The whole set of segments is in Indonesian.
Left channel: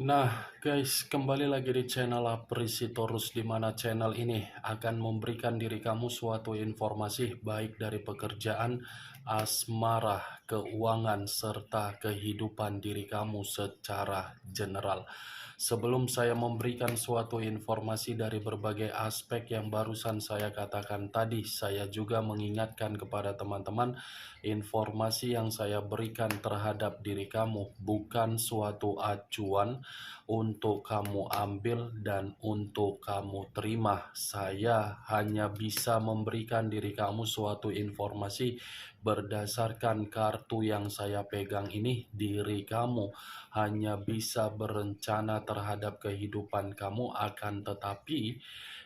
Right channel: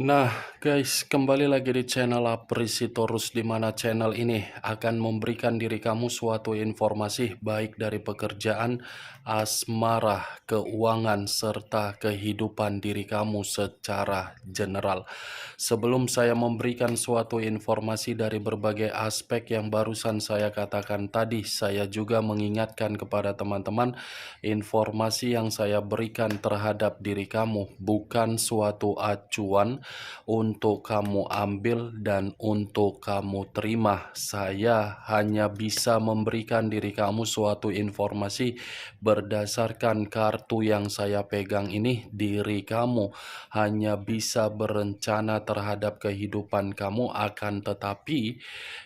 Nah, guys, kembali lagi di channel Aprisitorus, di mana channel ini akan memberikan diri kamu suatu informasi baik dari pekerjaan, asmara, keuangan, serta kehidupan diri kamu secara general. Sebelum saya memberikan suatu informasi dari berbagai aspek yang barusan saya katakan tadi, saya juga mengingatkan kepada teman-teman, informasi yang saya berikan terhadap diri kamu bukan suatu acuan untuk kamu ambil dan untuk kamu terima. Saya hanya bisa memberikan diri kamu suatu informasi berdasarkan kartu yang saya pegang ini. Diri kamu hanya bisa berencana terhadap kehidupan kamu, akan tetapi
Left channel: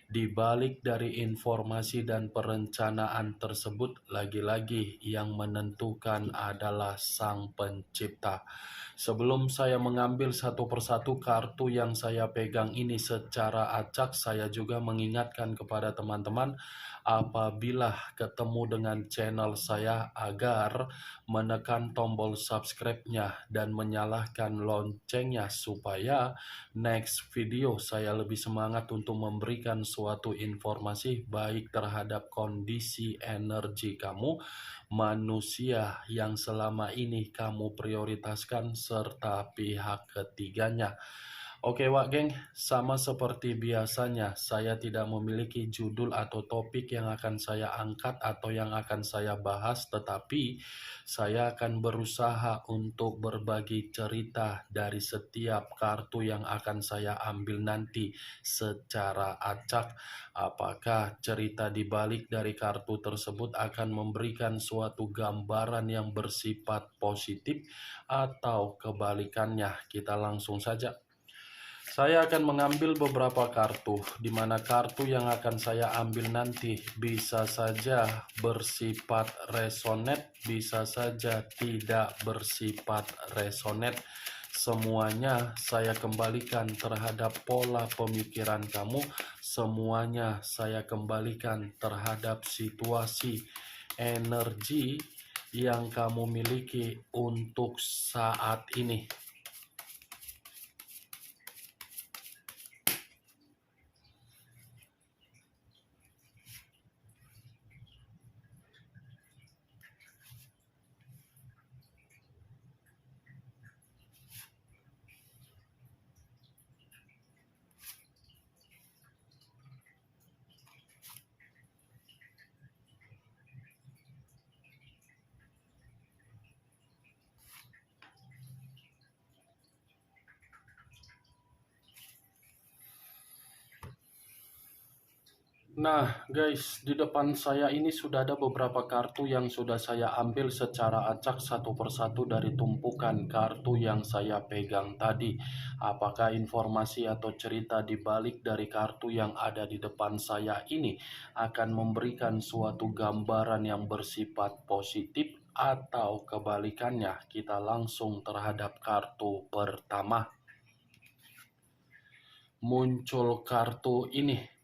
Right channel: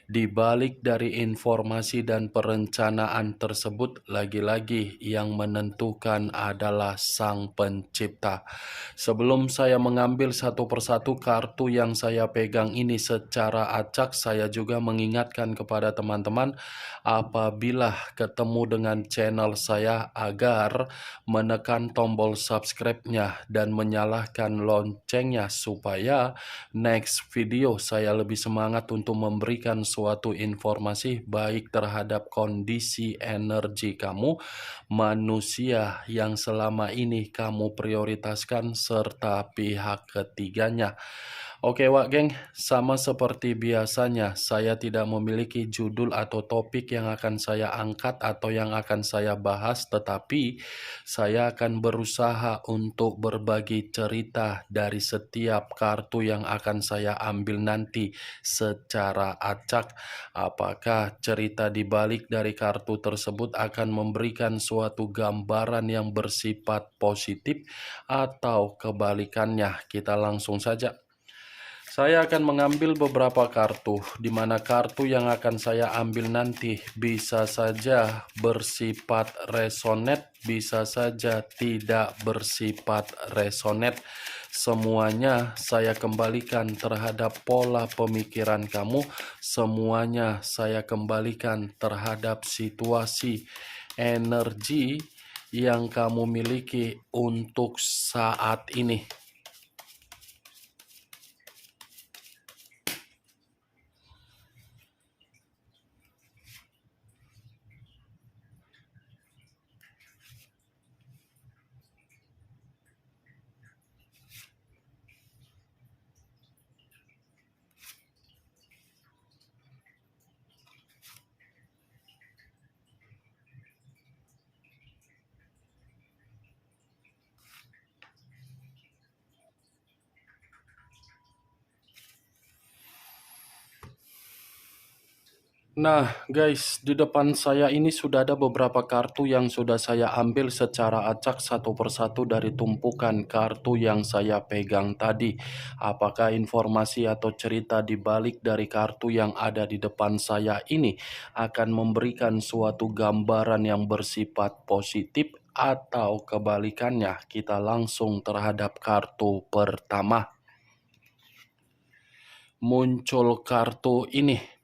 di balik dari informasi dan perencanaan tersebut, lagi-lagi yang menentukan adalah Sang Pencipta. Sebelum saya mengambil satu persatu kartu yang saya pegang ini secara acak, saya juga mengingatkan kepada teman-teman apabila ketemu dengan channel saya agar menekan tombol subscribe-nya dan menyalakan loncengnya supaya next video saya lebih semangat untuk memberikan suatu informasi baik terhadap kondisi energi kamu, manusia yang selama ini kamu prioritaskan, serta pihak ketiganya. Oke Wak geng, sama seperti biasanya saya tidak memiliki judul atau topik yang akan saya angkat atau yang akan saya bahas, tetapi saya akan berusaha untuk berbagi cerita dari setiap kartu yang akan saya ambil nanti secara acak. Apakah cerita di balik dari kartu tersebut akan memberikan suatu gambaran yang bersifat positif atau kebalikannya? Kita langsung saja. Saya akan mengambil beberapa kartu, di mana kartu yang akan saya ambil nanti bisa saja bersifat resonate, bisa saja tidak bersifat resonate. Semuanya saya kembalikan terhadap pola pemikiran kamu, semuanya saya kembalikan terhadap situasi energi yang kamu miliki untuk saat ini. Nah guys, di depan saya ini sudah ada beberapa kartu yang sudah saya ambil secara acak satu persatu dari tumpukan kartu yang saya pegang tadi. Apakah informasi atau cerita di balik dari kartu yang ada di depan saya ini akan memberikan suatu gambaran yang bersifat positif atau kebalikannya? Kita langsung terhadap kartu pertama. Muncul kartu ini.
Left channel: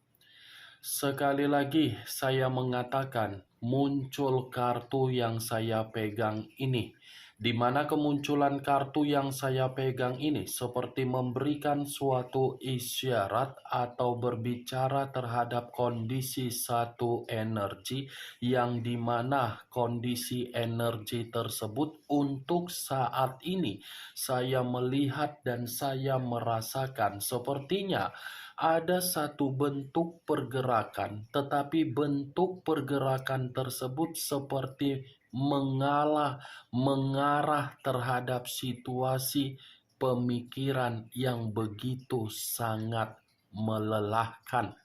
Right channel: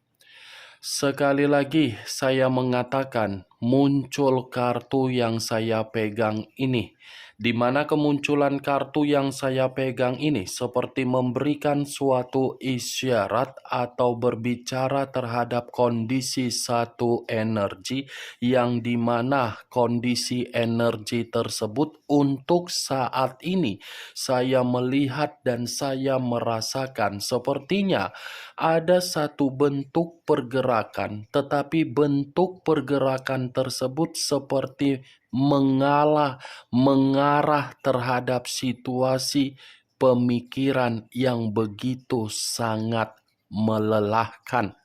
Sekali lagi saya mengatakan, muncul kartu yang saya pegang ini, di mana kemunculan kartu yang saya pegang ini seperti memberikan suatu isyarat atau berbicara terhadap kondisi satu energi, yang dimana kondisi energi tersebut untuk saat ini saya melihat dan saya merasakan sepertinya ada satu bentuk pergerakan, tetapi bentuk pergerakan tersebut seperti mengarah terhadap situasi pemikiran yang begitu sangat melelahkan.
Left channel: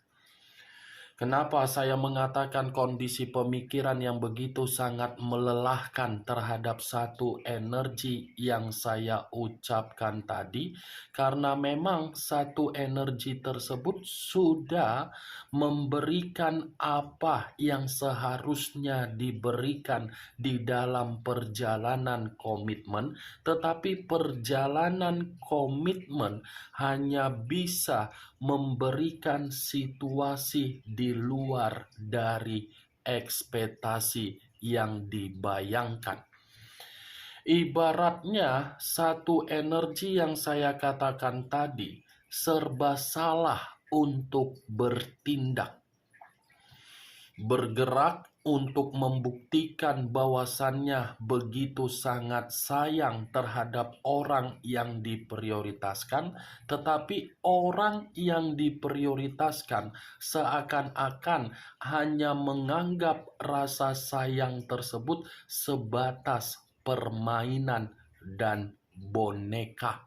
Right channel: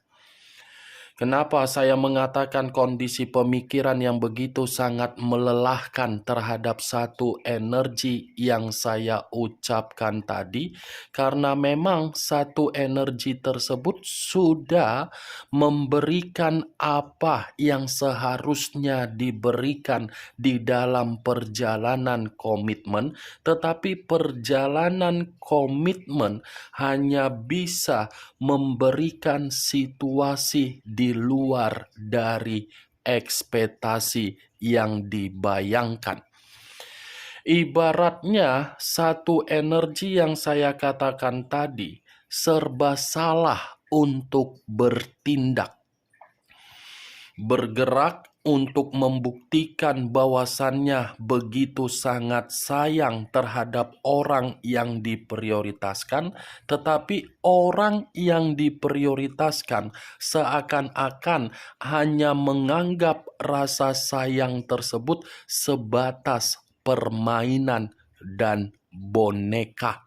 Kenapa saya mengatakan kondisi pemikiran yang begitu sangat melelahkan terhadap satu energi yang saya ucapkan tadi? Karena memang satu energi tersebut sudah memberikan apa yang seharusnya diberikan di dalam perjalanan komitmen, tetapi perjalanan komitmen hanya bisa memberikan situasi di luar dari ekspektasi yang dibayangkan. Ibaratnya satu energi yang saya katakan tadi serba salah untuk bertindak, bergerak untuk membuktikan bahwasannya begitu sangat sayang terhadap orang yang diprioritaskan, tetapi orang yang diprioritaskan seakan-akan hanya menganggap rasa sayang tersebut sebatas permainan dan boneka,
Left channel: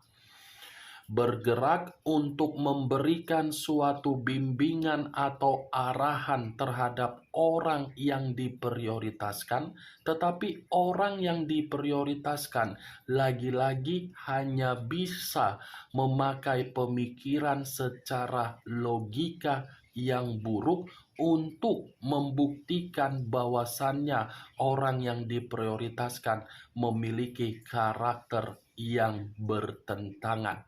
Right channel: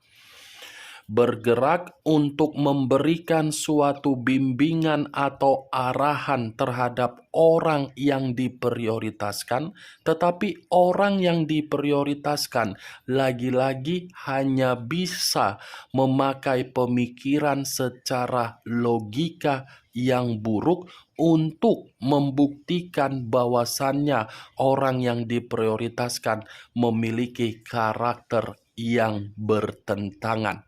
bergerak untuk memberikan suatu bimbingan atau arahan terhadap orang yang diprioritaskan, tetapi orang yang diprioritaskan lagi-lagi hanya bisa memakai pemikiran secara logika yang buruk untuk membuktikan bahwasannya orang yang diprioritaskan memiliki karakter yang bertentangan.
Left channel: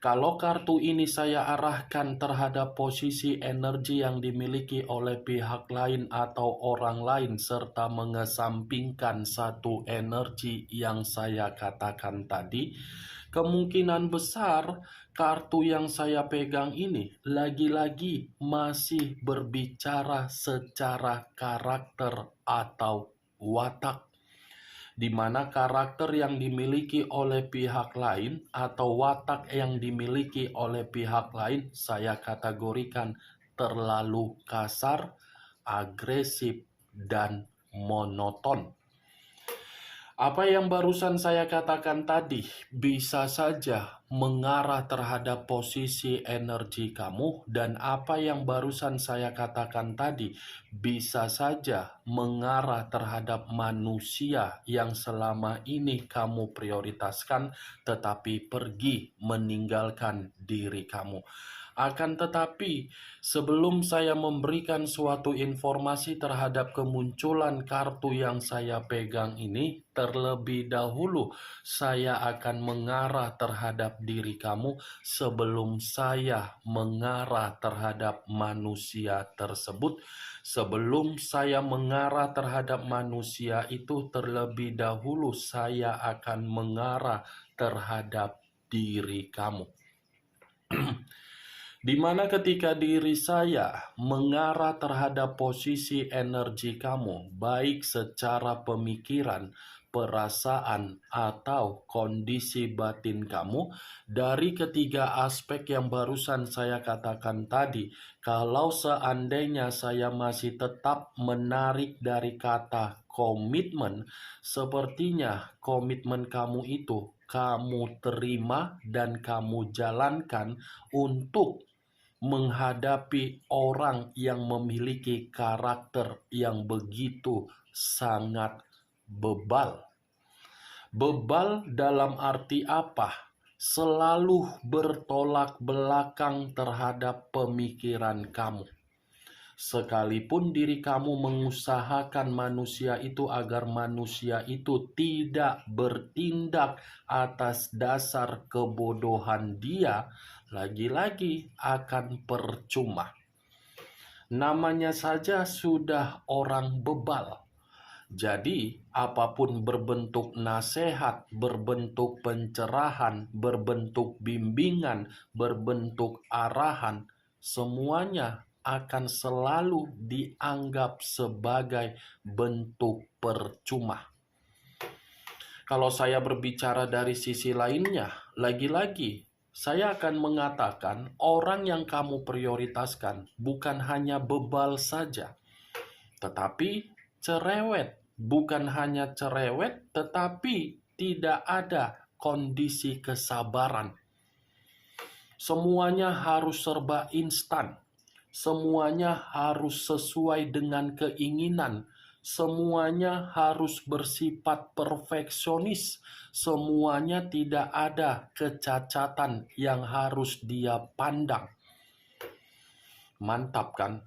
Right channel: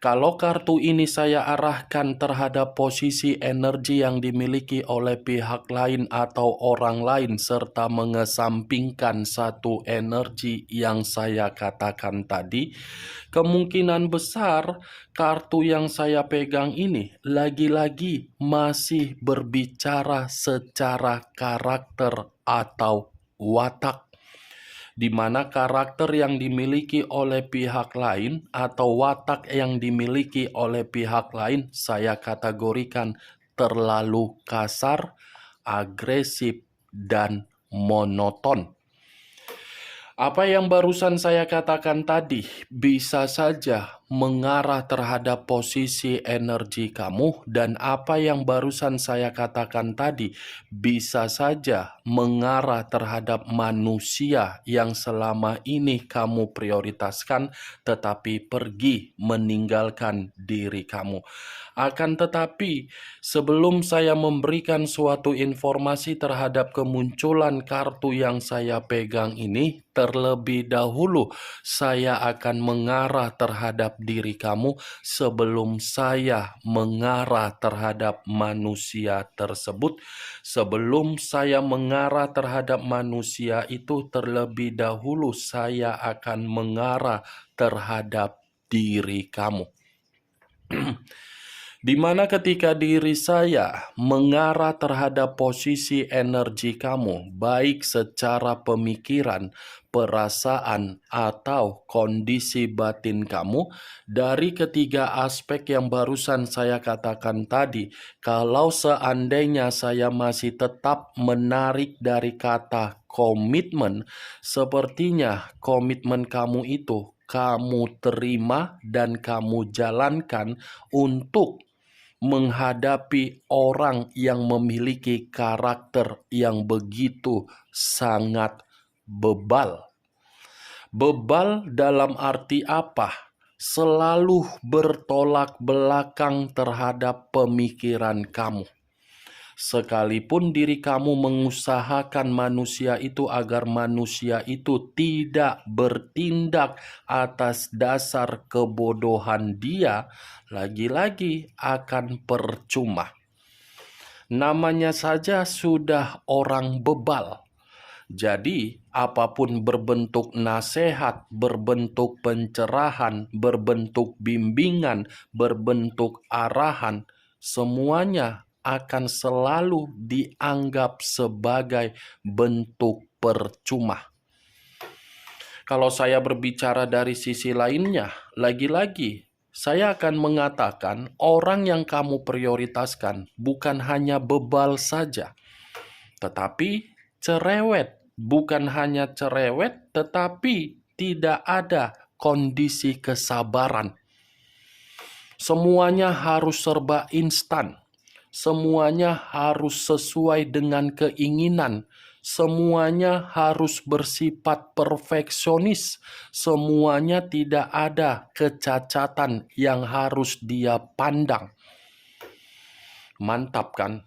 Kalau kartu ini saya arahkan terhadap posisi energi yang dimiliki oleh pihak lain atau orang lain, serta mengesampingkan satu energi yang saya katakan tadi, kemungkinan besar kartu yang saya pegang ini lagi-lagi masih berbicara secara karakter atau watak, di mana karakter yang dimiliki oleh pihak lain atau watak yang dimiliki oleh pihak lain saya kategorikan terlalu kasar, agresif, dan monoton. Apa yang barusan saya katakan tadi bisa saja mengarah terhadap posisi energi kamu, dan apa yang barusan saya katakan tadi bisa saja mengarah terhadap manusia yang selama ini kamu prioritaskan tetapi pergi meninggalkan diri kamu. Akan tetapi, sebelum saya memberikan suatu informasi terhadap kemunculan kartu yang saya pegang ini, terlebih dahulu saya akan mengarah terhadap diri kamu sebelum saya mengarah terhadap manusia tersebut. Sebelum saya mengarah terhadap manusia itu, terlebih dahulu saya akan mengarah terhadap diri kamu. Di mana ketika diri saya mengarah terhadap posisi energi kamu, baik secara pemikiran, perasaan, atau kondisi batin kamu, dari ketiga aspek yang barusan saya katakan tadi, kalau seandainya saya masih tetap menarik dari kata komitmen, sepertinya komitmen kamu itu kamu terima dan kamu jalankan untuk menghadapi orang yang memiliki karakter yang begitu sangat bebal. Bebal dalam arti apa? Selalu bertolak belakang terhadap pemikiran kamu. Sekalipun diri kamu mengusahakan manusia itu agar manusia itu tidak bertindak atas dasar kebodohan dia, lagi-lagi akan percuma. Namanya saja sudah orang bebal. Jadi, apapun berbentuk nasihat, berbentuk pencerahan, berbentuk bimbingan, berbentuk arahan, semuanya akan selalu dianggap sebagai bentuk percuma. Kalau saya berbicara dari sisi lainnya, lagi-lagi saya akan mengatakan orang yang kamu prioritaskan bukan hanya bebal saja, tetapi cerewet. Bukan hanya cerewet, tetapi tidak ada kondisi kesabaran. Semuanya harus serba instan. Semuanya harus sesuai dengan keinginan. Semuanya harus bersifat perfeksionis. Semuanya tidak ada kecacatan yang harus dia pandang. Mantap kan?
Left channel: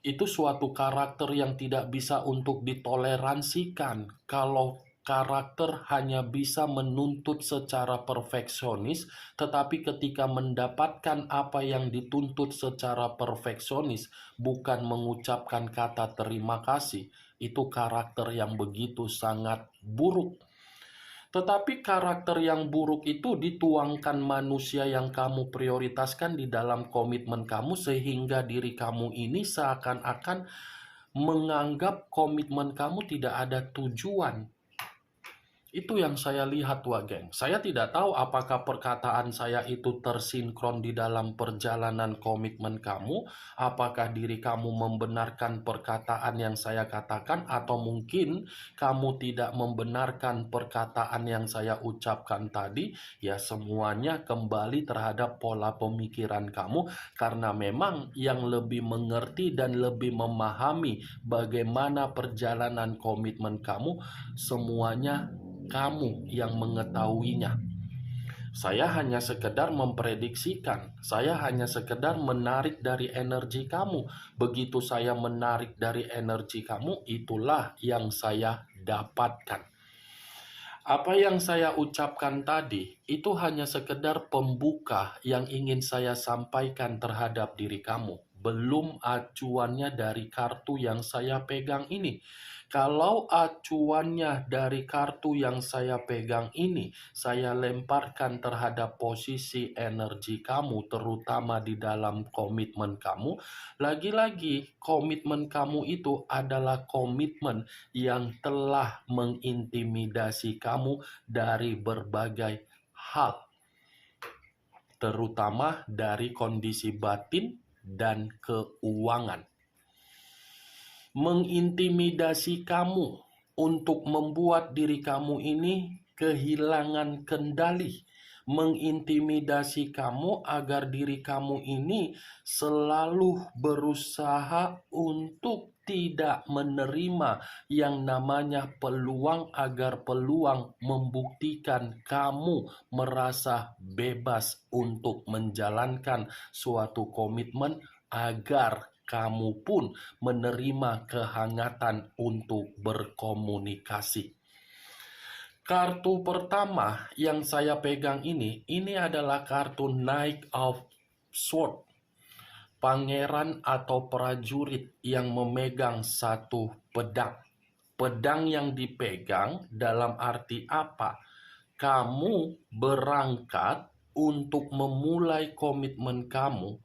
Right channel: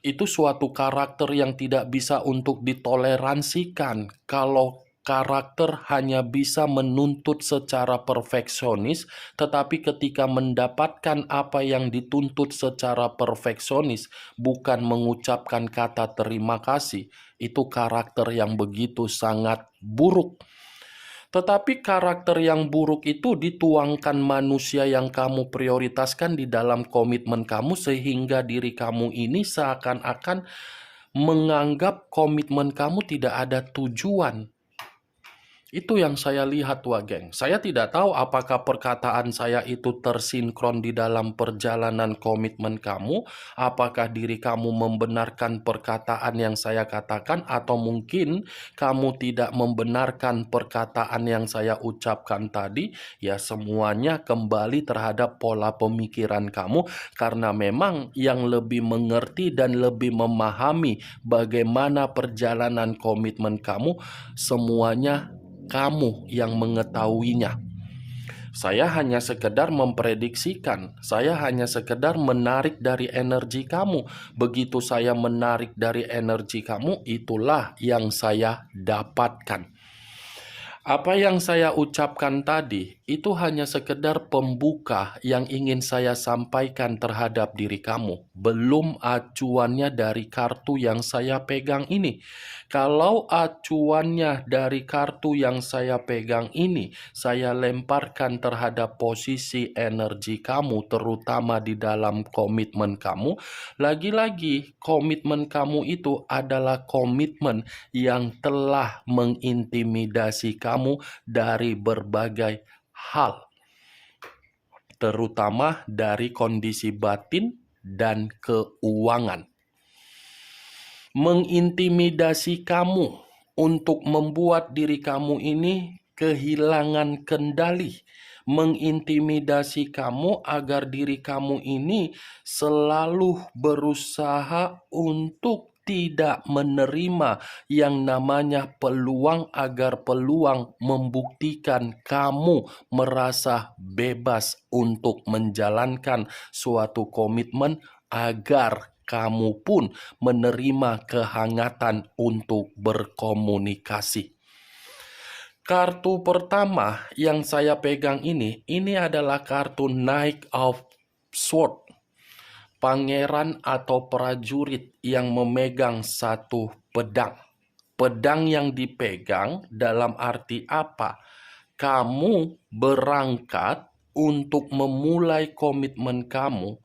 Itu suatu karakter yang tidak bisa untuk ditoleransikan. Kalau karakter hanya bisa menuntut secara perfeksionis, tetapi ketika mendapatkan apa yang dituntut secara perfeksionis, bukan mengucapkan kata terima kasih, itu karakter yang begitu sangat buruk. Tetapi karakter yang buruk itu dituangkan manusia yang kamu prioritaskan di dalam komitmen kamu, sehingga diri kamu ini seakan-akan menganggap komitmen kamu tidak ada tujuan. Itu yang saya lihat, Wak Geng. Saya tidak tahu apakah perkataan saya itu tersinkron di dalam perjalanan komitmen kamu, apakah diri kamu membenarkan perkataan yang saya katakan, atau mungkin kamu tidak membenarkan perkataan yang saya ucapkan tadi. Ya, semuanya kembali terhadap pola pemikiran kamu, karena memang yang lebih mengerti dan lebih memahami bagaimana perjalanan komitmen kamu, semuanya kamu yang mengetahuinya. Saya hanya sekedar memprediksikan, saya hanya sekedar menarik dari energi kamu. Begitu saya menarik dari energi kamu, itulah yang saya dapatkan. Apa yang saya ucapkan tadi itu hanya sekedar pembuka yang ingin saya sampaikan terhadap diri kamu. Belum acuannya dari kartu yang saya pegang ini. Kalau acuannya dari kartu yang saya pegang ini, saya lemparkan terhadap posisi energi kamu, terutama di dalam komitmen kamu. Lagi-lagi, komitmen kamu itu adalah komitmen yang telah mengintimidasi kamu dari berbagai hal, terutama dari kondisi batin dan keuangan. Mengintimidasi kamu untuk membuat diri kamu ini kehilangan kendali, mengintimidasi kamu agar diri kamu ini selalu berusaha untuk tidak menerima yang namanya peluang, agar peluang membuktikan kamu merasa bebas untuk menjalankan suatu komitmen, agar kamu pun menerima kehangatan untuk berkomunikasi. Kartu pertama yang saya pegang ini adalah kartu Knight of Swords. Pangeran atau prajurit yang memegang satu pedang. Pedang yang dipegang dalam arti apa? Kamu berangkat untuk memulai komitmen kamu.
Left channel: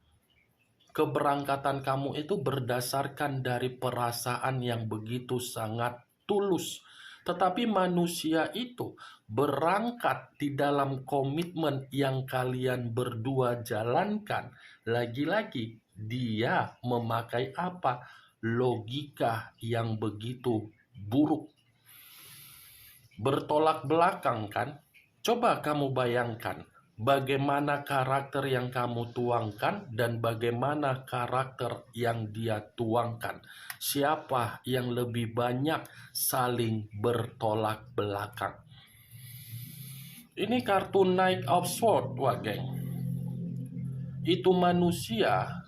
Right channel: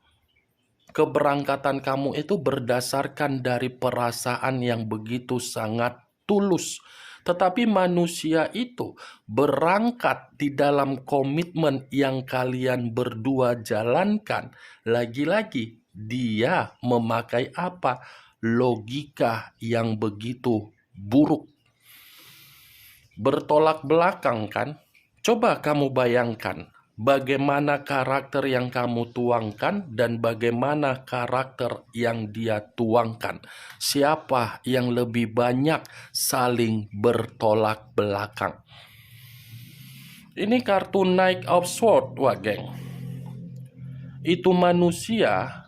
Keberangkatan kamu itu berdasarkan dari perasaan yang begitu sangat tulus. Tetapi manusia itu berangkat di dalam komitmen yang kalian berdua jalankan. Lagi-lagi, dia memakai apa? Logika yang begitu buruk. Bertolak belakang kan? Coba kamu bayangkan bagaimana karakter yang kamu tuangkan dan bagaimana karakter yang dia tuangkan. Siapa yang lebih banyak saling bertolak belakang? Ini kartu Knight of Swords, Wak Geng. Itu manusia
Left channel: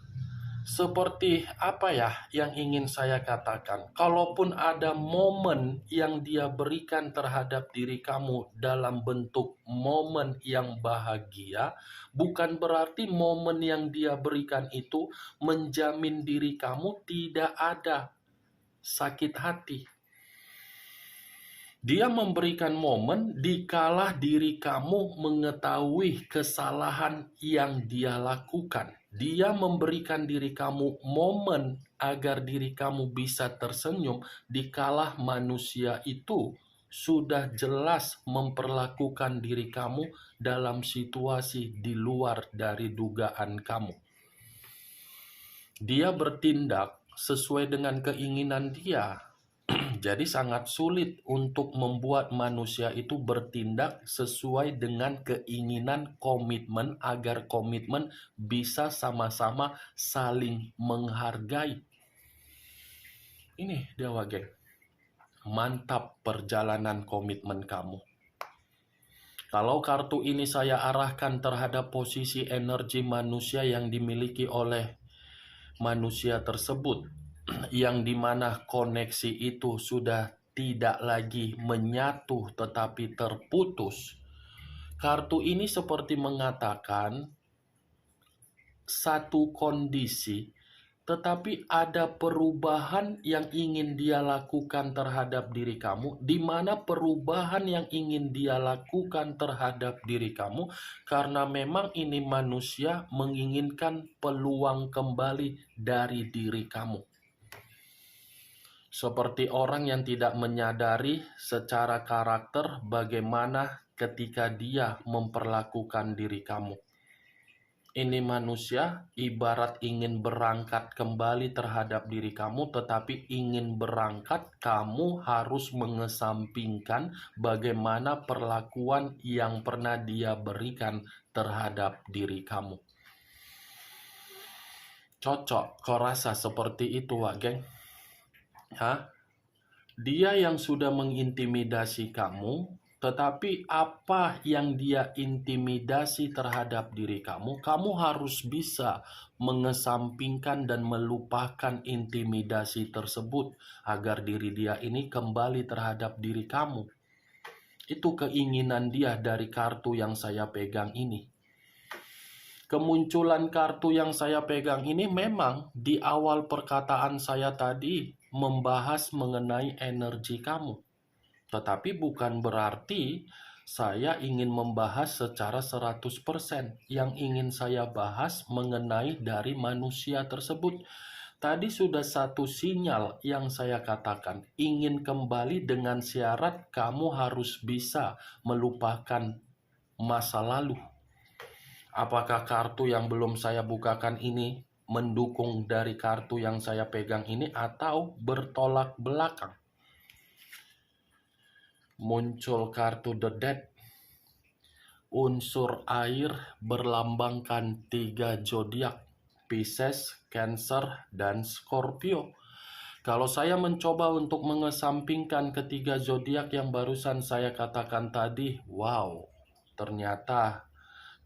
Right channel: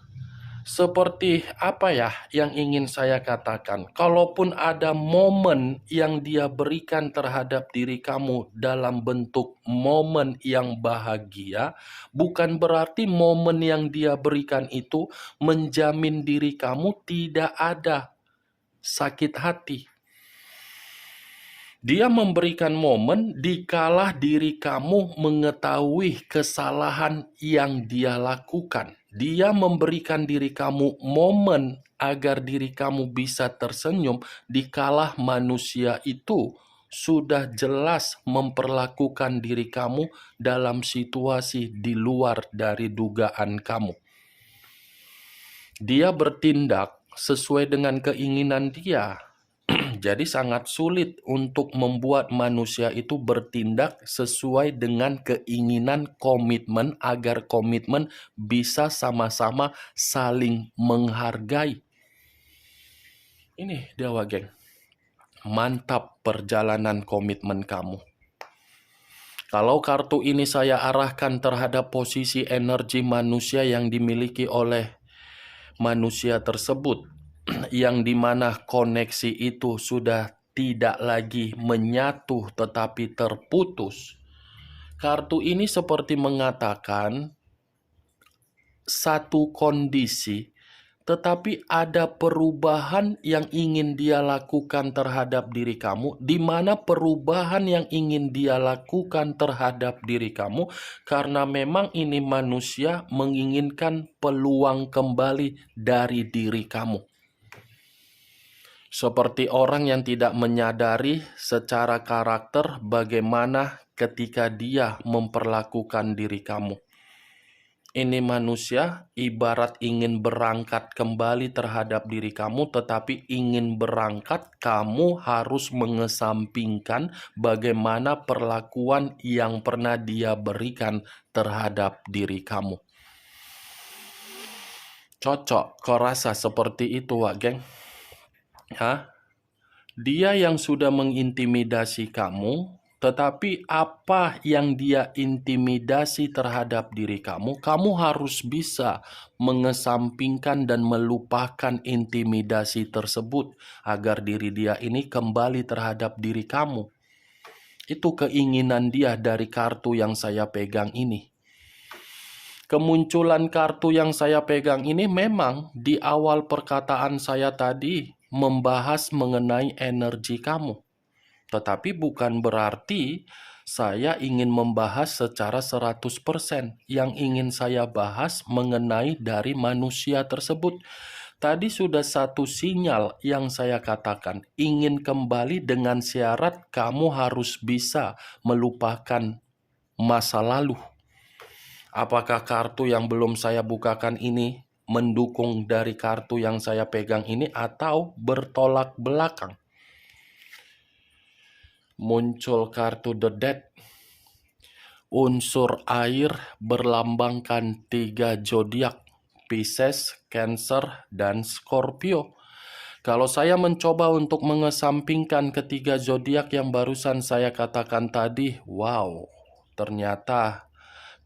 seperti apa ya yang ingin saya katakan? Kalaupun ada momen yang dia berikan terhadap diri kamu dalam bentuk momen yang bahagia, bukan berarti momen yang dia berikan itu menjamin diri kamu tidak ada sakit hati. Dia memberikan momen dikala diri kamu mengetahui kesalahan yang dia lakukan. Dia memberikan diri kamu momen agar diri kamu bisa tersenyum dikala manusia itu sudah jelas memperlakukan diri kamu dalam situasi di luar dari dugaan kamu. Dia bertindak sesuai dengan keinginan dia. Jadi sangat sulit untuk membuat manusia itu bertindak sesuai dengan keinginan komitmen, agar komitmen bisa sama-sama saling menghargai. Ini dia, Wak Geng. Mantap perjalanan komitmen kamu. Kalau kartu ini saya arahkan terhadap posisi energi manusia yang dimiliki oleh manusia tersebut, yang dimana koneksi itu sudah tidak lagi menyatu tetapi terputus. Kartu ini seperti mengatakan satu kondisi tetapi ada perubahan yang ingin dia lakukan terhadap diri kamu, di mana perubahan yang ingin dia lakukan terhadap diri kamu, karena memang ini manusia menginginkan peluang kembali dari diri kamu. Seperti orang yang tidak menyadari secara karakter bagaimana ketika dia memperlakukan diri kamu. Ini manusia ibarat ingin berangkat kembali terhadap diri kamu, tetapi ingin berangkat, kamu harus mengesampingkan bagaimana perlakuan yang pernah dia berikan terhadap diri kamu. Cocok, kau rasa seperti itu, Wak Geng? Hah? Dia yang sudah mengintimidasi kamu, tetapi apa yang dia intimidasi terhadap diri kamu, kamu harus bisa mengesampingkan dan melupakan intimidasi tersebut agar diri dia ini kembali terhadap diri kamu. Itu keinginan dia dari kartu yang saya pegang ini. Kemunculan kartu yang saya pegang ini memang di awal perkataan saya tadi membahas mengenai energi kamu. Tetapi bukan berarti saya ingin membahas secara 100%. Yang ingin saya bahas mengenai dari manusia tersebut. Tadi sudah satu sinyal yang saya katakan. Ingin kembali dengan syarat kamu harus bisa melupakan masa lalu. Apakah kartu yang belum saya bukakan ini mendukung dari kartu yang saya pegang ini atau bertolak belakang? Muncul kartu The Death. Unsur air berlambangkan 3 zodiak, Pisces, Cancer, dan Scorpio. Kalau saya mencoba untuk mengesampingkan ketiga zodiak yang barusan saya katakan tadi, wow, ternyata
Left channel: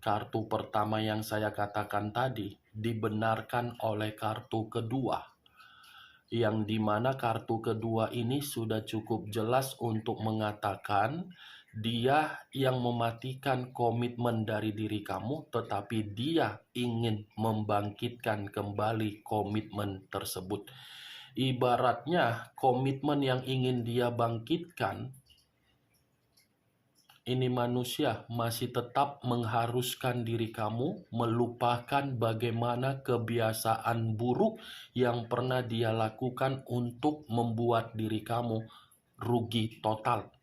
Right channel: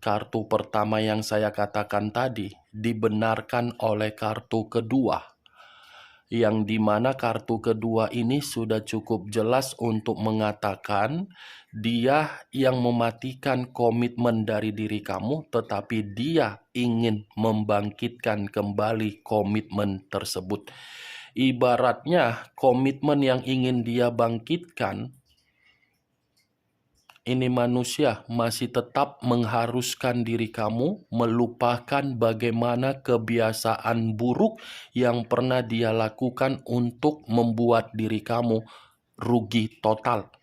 kartu pertama yang saya katakan tadi dibenarkan oleh kartu kedua. Yang dimana kartu kedua ini sudah cukup jelas untuk mengatakan dia yang mematikan komitmen dari diri kamu, tetapi dia ingin membangkitkan kembali komitmen tersebut. Ibaratnya komitmen yang ingin dia bangkitkan, ini manusia masih tetap mengharuskan diri kamu melupakan bagaimana kebiasaan buruk yang pernah dia lakukan untuk membuat diri kamu rugi total.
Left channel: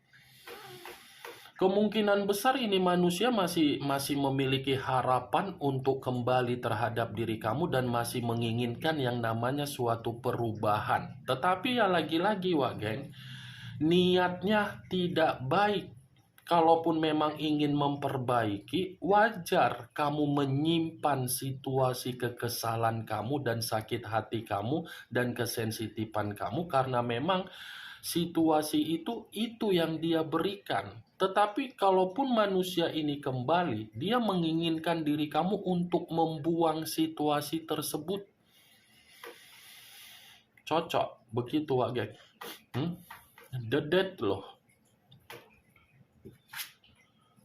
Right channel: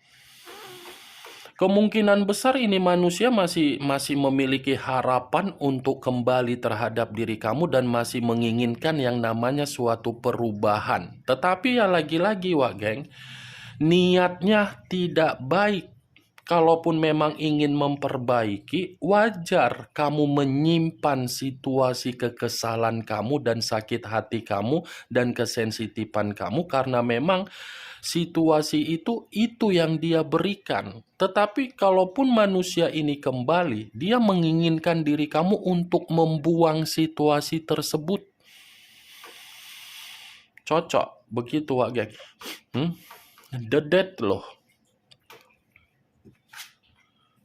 Kemungkinan besar ini manusia masih memiliki harapan untuk kembali terhadap diri kamu dan masih menginginkan yang namanya suatu perubahan. Tetapi ya lagi-lagi, Wak Geng, niatnya tidak baik. Kalaupun memang ingin memperbaiki, wajar kamu menyimpan situasi kekesalan kamu dan sakit hati kamu dan kesensitifan kamu karena memang situasi itu yang dia berikan. Tetapi kalaupun manusia ini kembali, dia menginginkan diri kamu untuk membuang situasi tersebut. Cocok, begitu Wak Geng. The Death loh.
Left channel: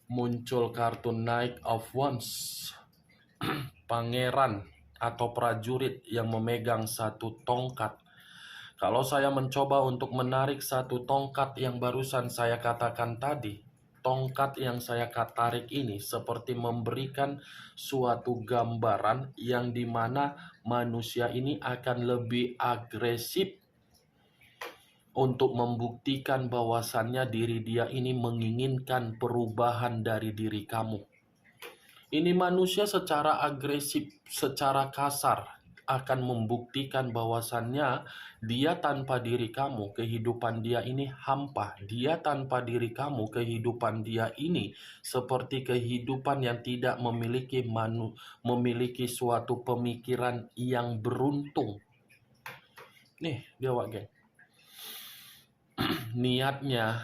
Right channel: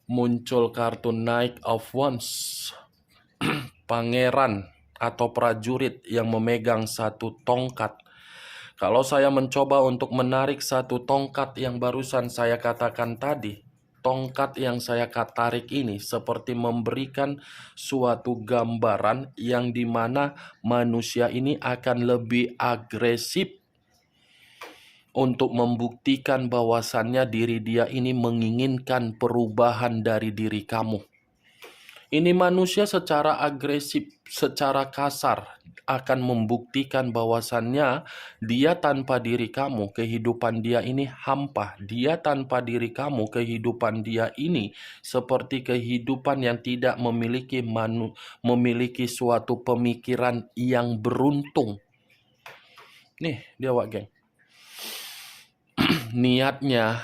Muncul kartu Knight of Wands, pangeran atau prajurit yang memegang satu tongkat. Kalau saya mencoba untuk menarik satu tongkat yang barusan saya katakan tadi, tongkat yang saya tarik ini seperti memberikan suatu gambaran yang dimana manusia ini akan lebih agresif untuk membuktikan bahwasannya diri dia ini menginginkan perubahan dari diri kamu. Ini manusia secara agresif, secara kasar akan membuktikan bahwasannya dia tanpa diri kamu, kehidupan dia ini hampa. Dia tanpa diri kamu, kehidupan dia ini seperti kehidupan yang tidak memiliki suatu pemikiran yang beruntung. Nih, dia Wak Geng. Niatnya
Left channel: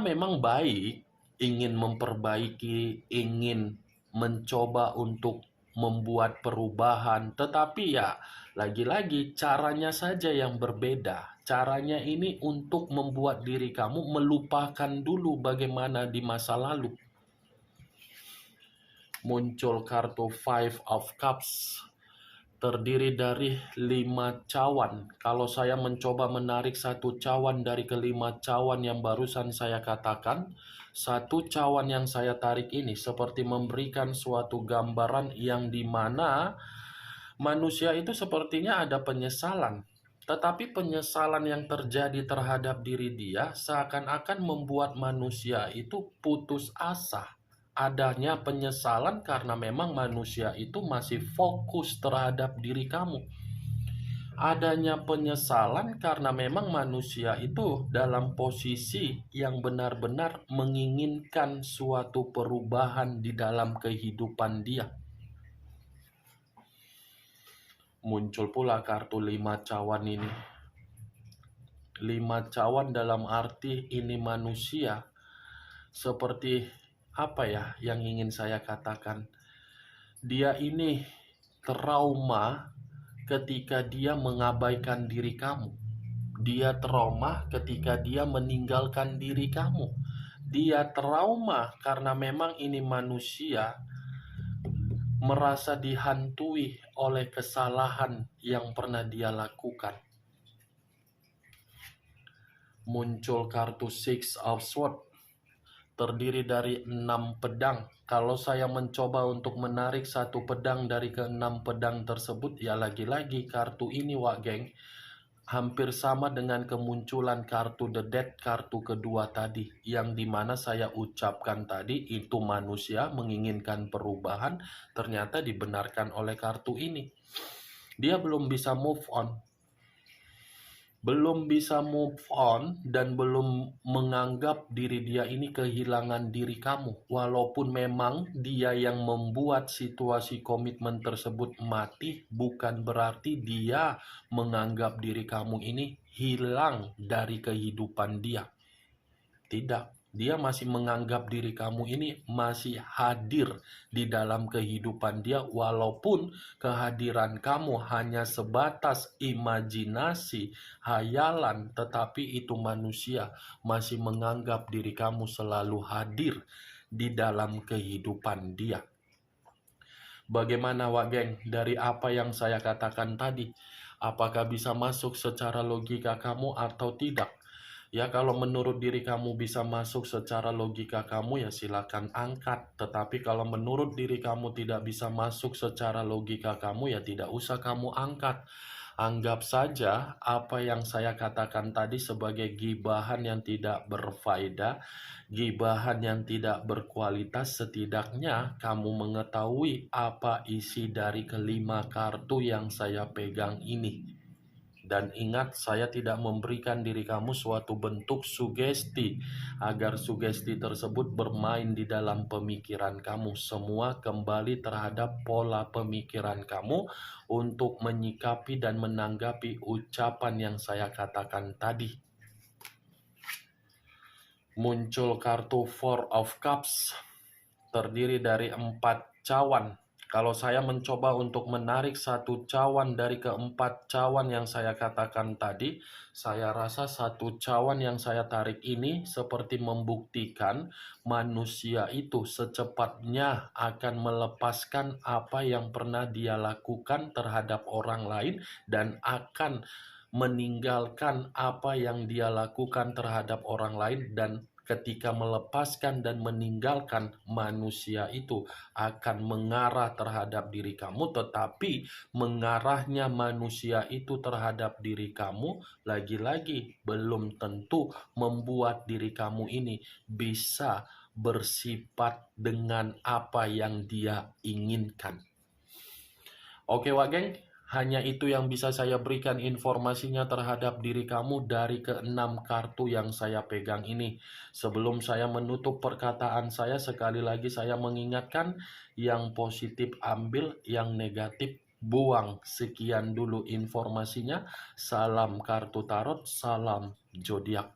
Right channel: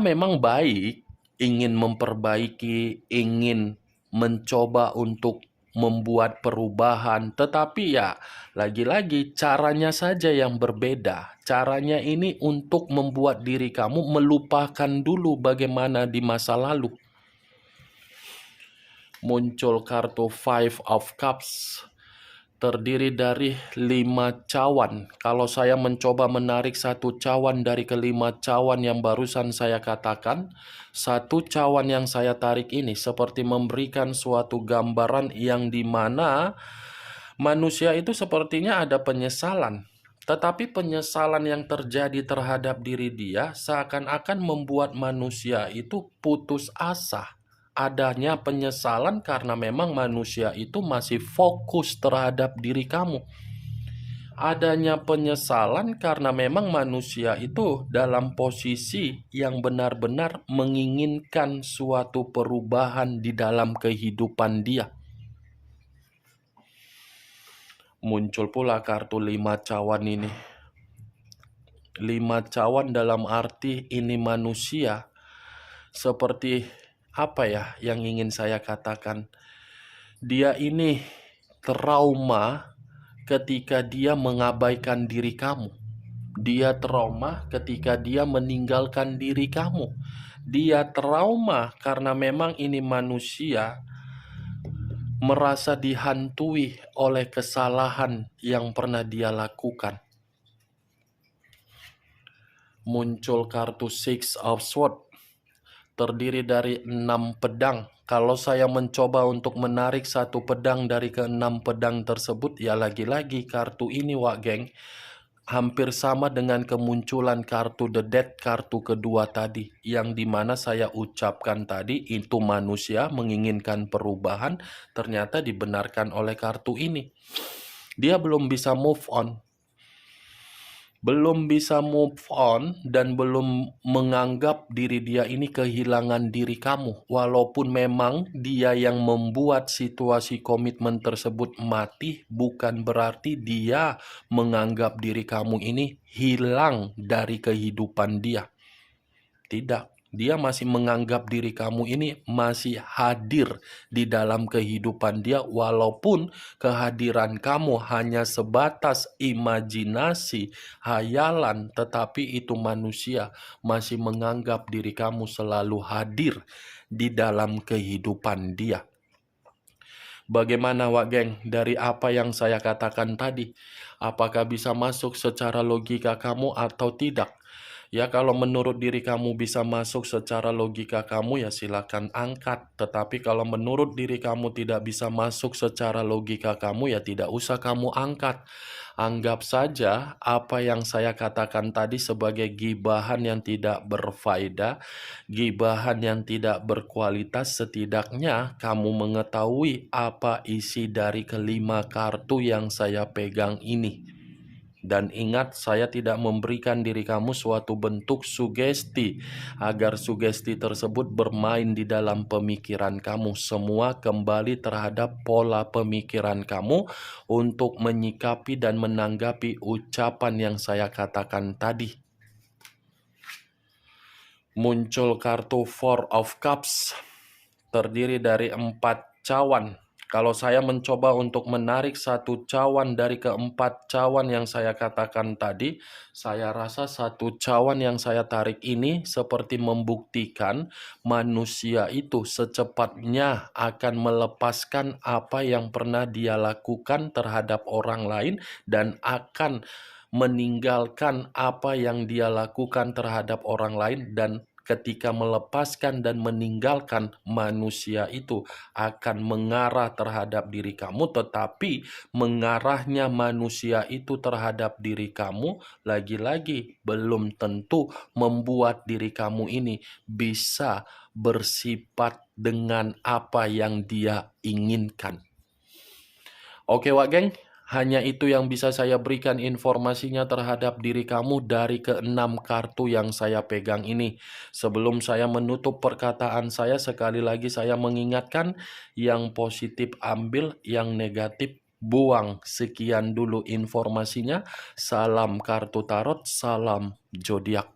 memang baik, ingin memperbaiki, ingin mencoba untuk membuat perubahan, tetapi ya lagi-lagi caranya saja yang berbeda. Caranya ini untuk membuat diri kamu melupakan dulu bagaimana di masa lalu. Muncul kartu Five of Cups. terdiri dari 5 cawan. Kalau saya mencoba menarik satu cawan dari kelima cawan yang barusan saya katakan, satu cawan yang saya tarik ini seperti memberikan suatu gambaran yang dimana manusia itu sepertinya ada penyesalan. Tetapi penyesalan yang terjadi terhadap diri dia seakan-akan membuat manusia itu putus asa. Adanya penyesalan karena memang manusia itu masih fokus terhadap diri kamu. Adanya penyesalan karena memang manusia itu dalam posisi yang benar-benar menginginkan suatu perubahan di dalam kehidupan dia. Muncul pula kartu 5 cawan ini. 5 cawan dalam arti ini manusia seperti apa ya yang ingin saya katakan? Dia ini trauma ketika dia mengabaikan diri kamu. Dia trauma ketika dia meninggalkan diri kamu. Dia trauma karena memang ini manusia merasa dihantui oleh kesalahan yang pernah dia lakukan. Muncul kartu Six of Swords, terdiri dari 6 pedang. Kalau saya mencoba untuk menarik satu pedang dari ke-6 pedang tersebut, ya lagi-lagi kartu ini, Wak Geng, hampir sama dengan kemunculan kartu The Death, kartu kedua tadi, yang dimana saya ucapkan tadi, itu manusia menginginkan perubahan, ternyata dibenarkan oleh kartu ini. Dia belum bisa move on. Dan belum menganggap diri dia ini kehilangan diri kamu. Walaupun memang dia yang membuat situasi komitmen tersebut mati, bukan berarti dia menganggap diri kamu ini hilang dari kehidupan dia. Tidak. Dia masih menganggap diri kamu ini masih hadir di dalam kehidupan dia, walaupun kehadiran kamu hanya sebatas imajinasi, hayalan, tetapi itu manusia masih menganggap diri kamu selalu hadir di dalam kehidupan dia. Bagaimana, Wak Geng, dari apa yang saya katakan tadi? Apakah bisa masuk secara logika kamu atau tidak? Ya, kalau menurut diri kamu bisa masuk secara logika kamu, ya silakan angkat. Tetapi kalau menurut diri kamu tidak bisa masuk secara logika kamu, ya tidak usah kamu angkat. Anggap saja apa yang saya katakan tadi sebagai gibahan yang tidak berfaedah, gibahan yang tidak berkualitas. Setidaknya kamu mengetahui apa isi dari kelima kartu yang saya pegang ini. Dan ingat, saya tidak memberikan diri kamu suatu bentuk sugesti agar sugesti tersebut bermain di dalam pemikiran kamu. Semua kembali terhadap pola pemikiran kamu untuk menyikapi dan menanggapi ucapan yang saya katakan tadi. Muncul kartu Four of Cups, terdiri dari 4 cawan. Kalau saya mencoba untuk menarik satu cawan dari ke-4 cawan yang saya katakan tadi, saya rasa satu cawan yang saya tarik ini seperti membuktikan manusia itu secepatnya akan melepaskan apa yang pernah dia lakukan terhadap orang lain dan akan meninggalkan apa yang dia lakukan terhadap orang lain, dan ketika melepaskan dan meninggalkan, manusia itu akan mengarah terhadap diri kamu, tetapi mengarahnya manusia itu terhadap diri kamu lagi-lagi belum tentu membuat diri kamu ini bisa bersifat dengan apa yang dia inginkan. Oke, Wak Geng, hanya itu yang bisa saya berikan informasinya terhadap diri kamu dari ke-6 kartu yang saya pegang ini. Sebelum saya menutup perkataan saya, sekali lagi saya mengingatkan, yang positif ambil, yang negatif buang. Sekian dulu informasinya. Salam kartu tarot, salam zodiak.